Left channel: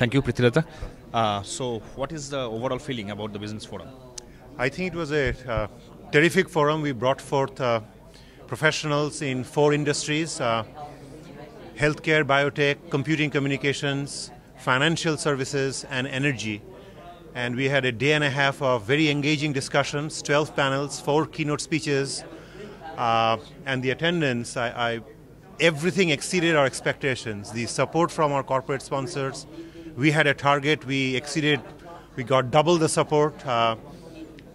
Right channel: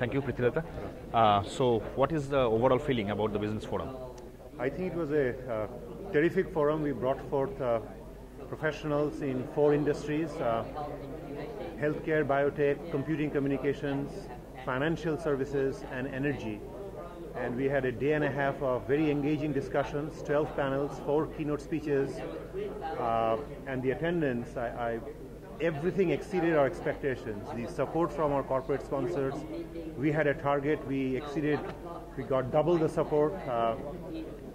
Thank you, Prithviraj. So, what is the overall feeling about the business forum? I think it was a terrific forum. We brought forth professionals in 4 industries: healthcare, biotech, computing communications, financial services, and energy. And we had a day and a half of very engaging discussions, 12 panels, 4 keynote speeches, and the attendance, everything exceeded our expectations. The support from our corporate sponsors, we had a target, we got double the support.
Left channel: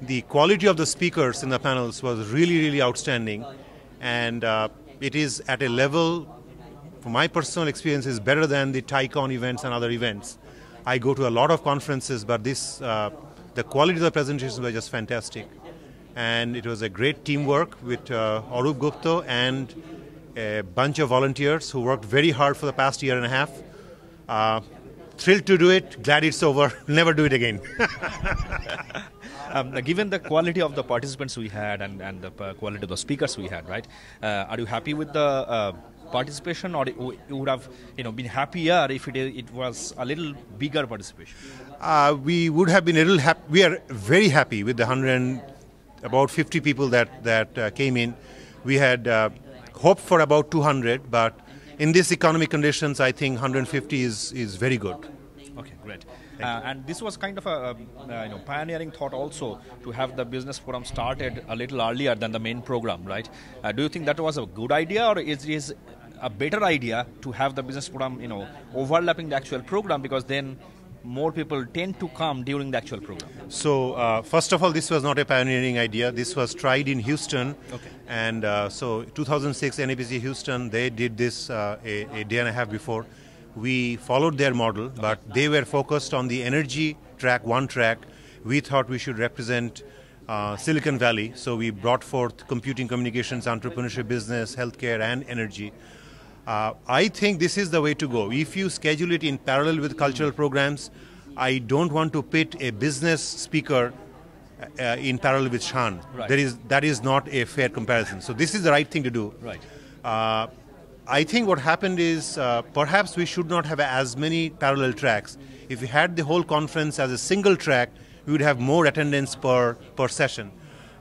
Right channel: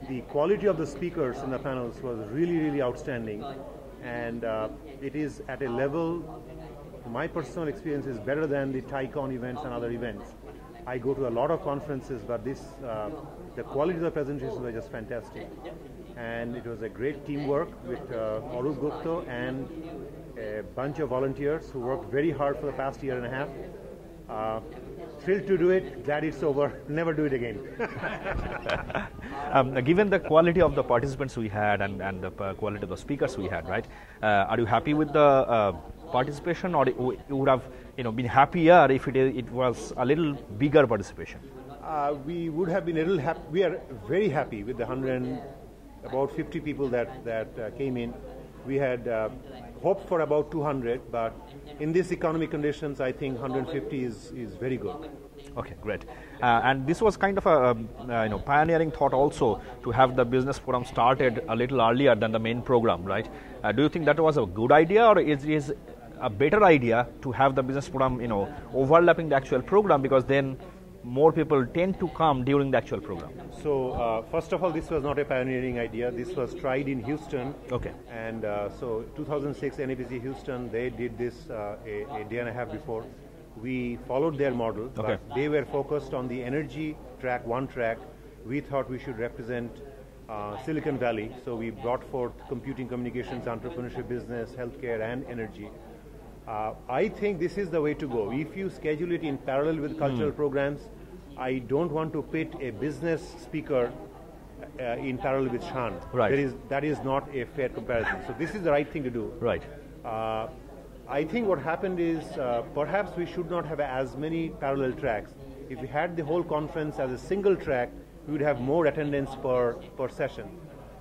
The quality of the speakers in the panels was really, really outstanding. And it is at a level, from my personal experience, is better than the TICON events and other events. I go to a lot of conferences, but the quality of the presentations were just fantastic. And it was a great teamwork with Arup Gupta and a bunch of volunteers who worked very hard for the past year and a half. Thrilled to do it, glad it's over, never do it again. Given the quality of the participants we had and the quality of the speakers we had, right? Are you happy with the participation, or you would have been happier if it was a little bigger participation? We would have been a little happy. We are very happy with the about 50 people that came in. We had hoped for about 200, but in these economic conditions, I think 150 is very good. Okay, great. And this was kind of a pioneering thought also, to have the business forum started a little earlier than the main program, right? Do you think that was a good idea, or is a better idea to have the business forum overlapping the actual program, because then more people tend to come during the actual program? So first of all, this was not a pioneering idea. This was tried in Houston. Okay. And so 2006 NABC Houston, they did this a day and a half before. We followed their model, but they were focused on the energy track, one track. We thought we should represent Silicon Valley, so we brought forth computing, communications, entrepreneurship, business, healthcare, and energy. I think this is the way to go. If you schedule it in parallel with cultural programs, I don't want to pit a business speaker in parallel with Shan. Right. That is not a fair comparison. So this is the right thing to do. Right. I think what happened is perhaps we should not have as many parallel tracks. If we had the whole conference as a single track, we would have more attendance per session.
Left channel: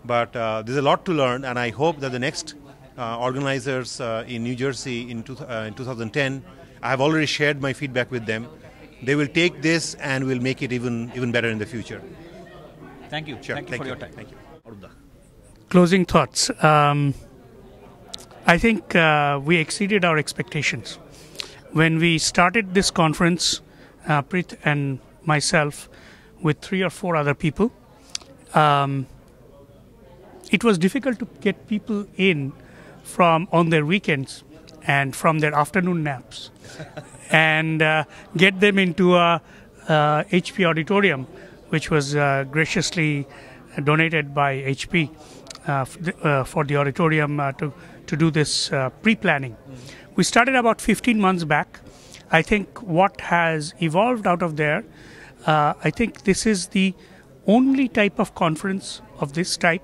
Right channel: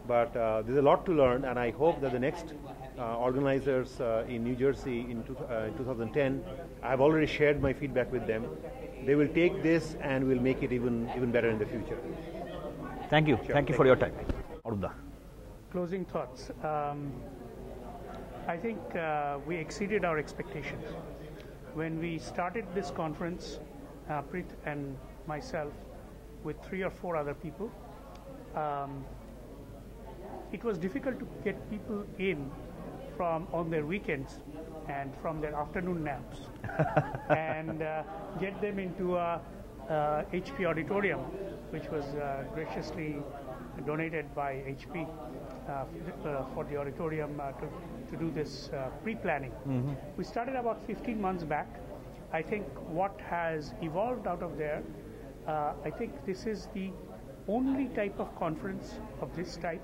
But there's a lot to learn, and I hope that the next organizers in New Jersey in 2010, I have already shared my feedback with them. They will take this and will make it even better in the future. Thank you. Sure. Thank you for your time. Closing thoughts. I think we exceeded our expectations. When we started this conference, Prith and myself, with 3 or 4 other people, it was difficult to get people in from on their weekends and from their afternoon naps and get them into a HP auditorium, which was graciously donated by HP for the auditorium to do this pre-planning. We started about 15 months back. I think what has evolved out of there, I think this is the only type of conference of this type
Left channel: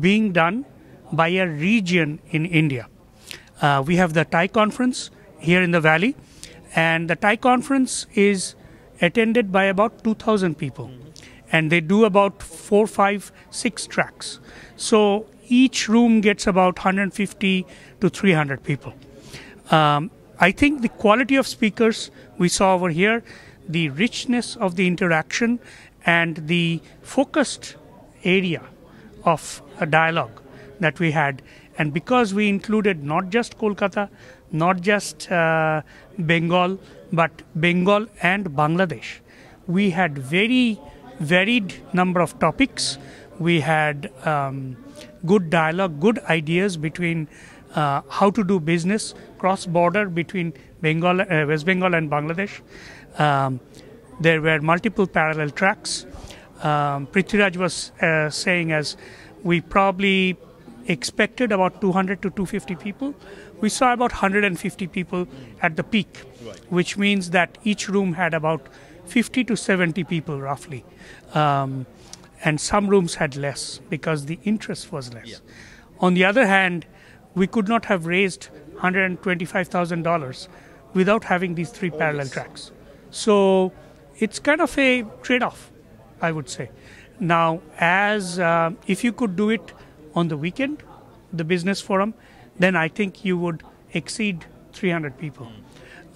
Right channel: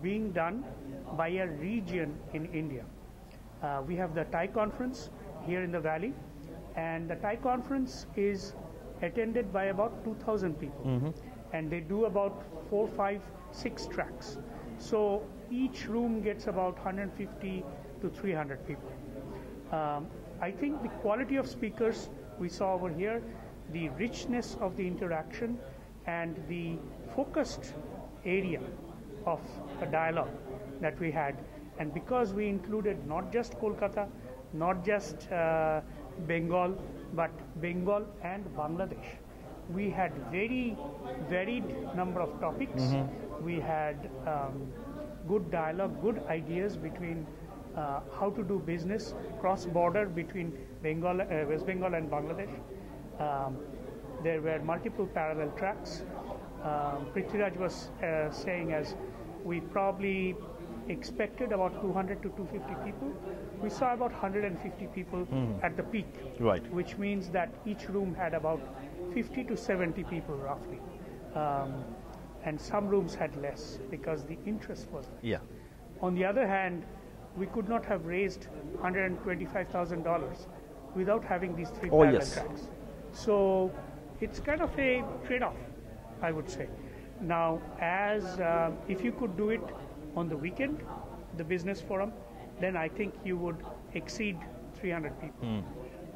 being done by a region in India. We have the Thai conference here in the valley, and the Thai conference is attended by about 2,000 people, and they do about 4, 5, 6 tracks. So each room gets about 150 to 300 people. I think the quality of speakers we saw over here, the richness of the interaction, and the focused area of a dialogue that we had, and because we included not just Kolkata, not just Bengal, but Bengal and Bangladesh, we had very varied number of topics. We had good dialogue, good ideas between how to do business cross-border between Bengal, West Bengal and Bangladesh. There were multiple parallel tracks. Prithviraj was saying, as we probably expected about 200 to 250 people, we saw about 150 people at the peak, which means that each room had about 50 to 70 people roughly. And some rooms had less because the interest was less. Yeah. On the other hand, we could not have raised $125,000 without having these 3 parallel tracks. So it's kind of a trade-off, I would say. Now, as if you could do it on the weekend, the business forum, then I think you would exceed 300 people.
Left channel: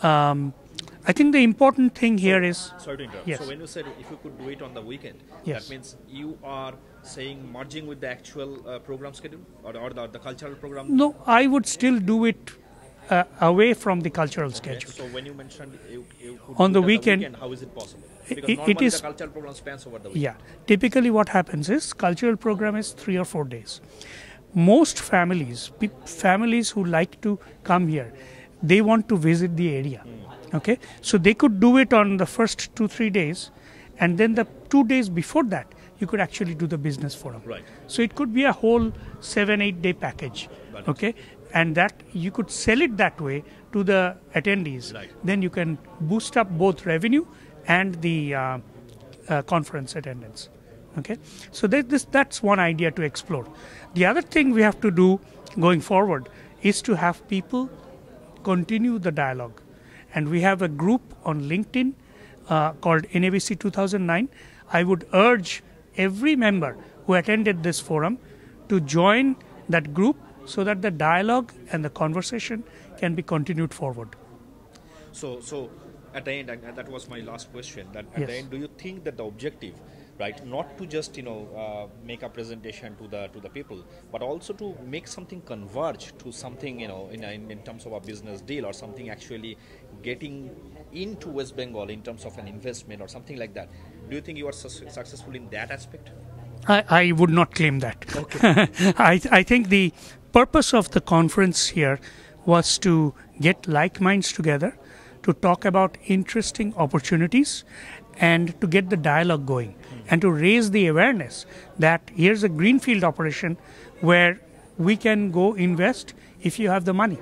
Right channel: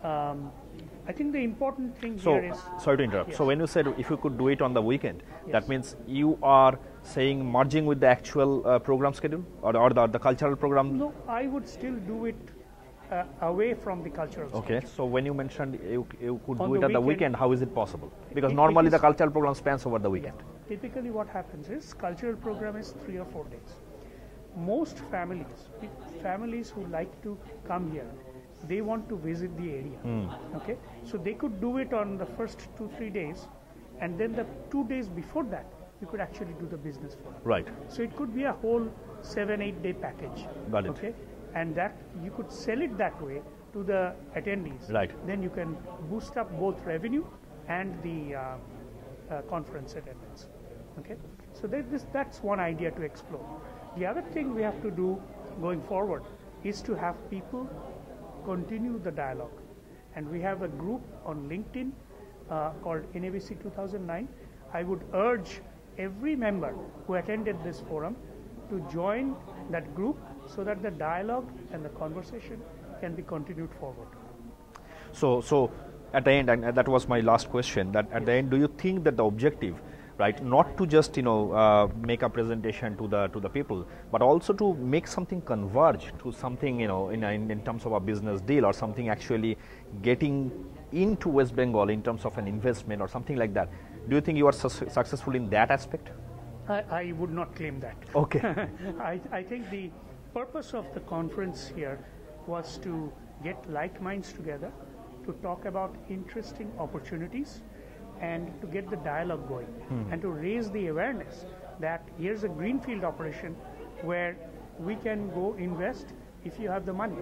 I think the important thing here is... Sorry to interrupt. Yes. So when you said if you could do it on the weekend, Yes. that means you are saying merging with the actual program schedule or the cultural program? No, I would still do it away from the cultural Okay. schedule. So when you mentioned you could On do the it weekend, how is it possible? Because it normally is- the cultural program spans over the weekend. Yeah. Typically what happens is cultural program is 3 or 4 days. Most families, families who like to come here, they want to visit the area. Okay, so they could do it on the first 2-3 days, and then the 2 days before that, you could actually do the business forum. Right. So it could be a whole 7-8 day package. Got it. Okay, and that you could sell it that way to the attendees. Right. Then you can boost up both revenue and the conference attendance. Okay, so that's one idea to explore. The other thing we have to do going forward is to have people continue the dialogue, and we have a group on LinkedIn called NABC2009. I would urge every member who attended this forum to join that group so that the dialogue and the conversation can be continued forward. So at the end, and that was my last question, that at the Yes. end, do you think that the objective, right, not to just make a presentation to the people, but also to make something converge to something in terms of a business deal or something actually getting into West Bengal in terms of an investment or something like that? Do you think you are successful in that aspect? I would not claim that. Okay. I think the purpose of the conference here was to get like minds together, to talk about interesting opportunities, and to get the dialogue going, and to raise the awareness that here's a greenfield operation where we can go invest if you have the money,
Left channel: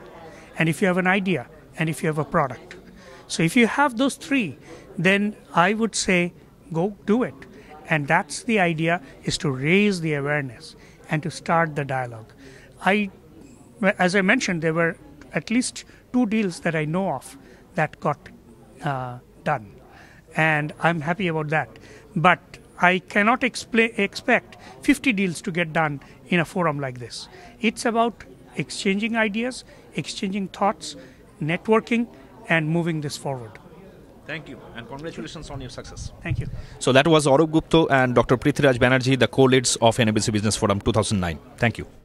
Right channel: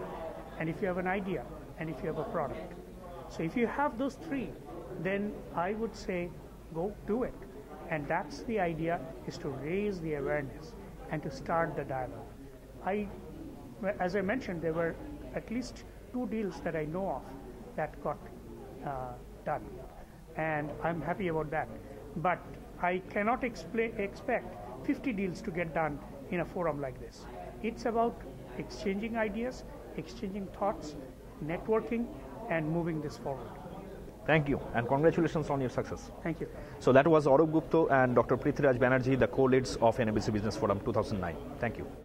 and if you have an idea, and if you have a product. So if you have those three, then I would say go do it. And that's the idea, is to raise the awareness and to start the dialogue. As I mentioned, there were at least 2 deals that I know of that got done. And I'm happy about that. But I cannot expect 50 deals to get done in a forum like this. It's about exchanging ideas, exchanging thoughts, networking, and moving this forward. Thank you, and congratulations on your success. Thank you. So that was Arup Gupta and Dr. Prithviraj Banerjee, the co-leads of NABC Business Forum 2009. Thank you.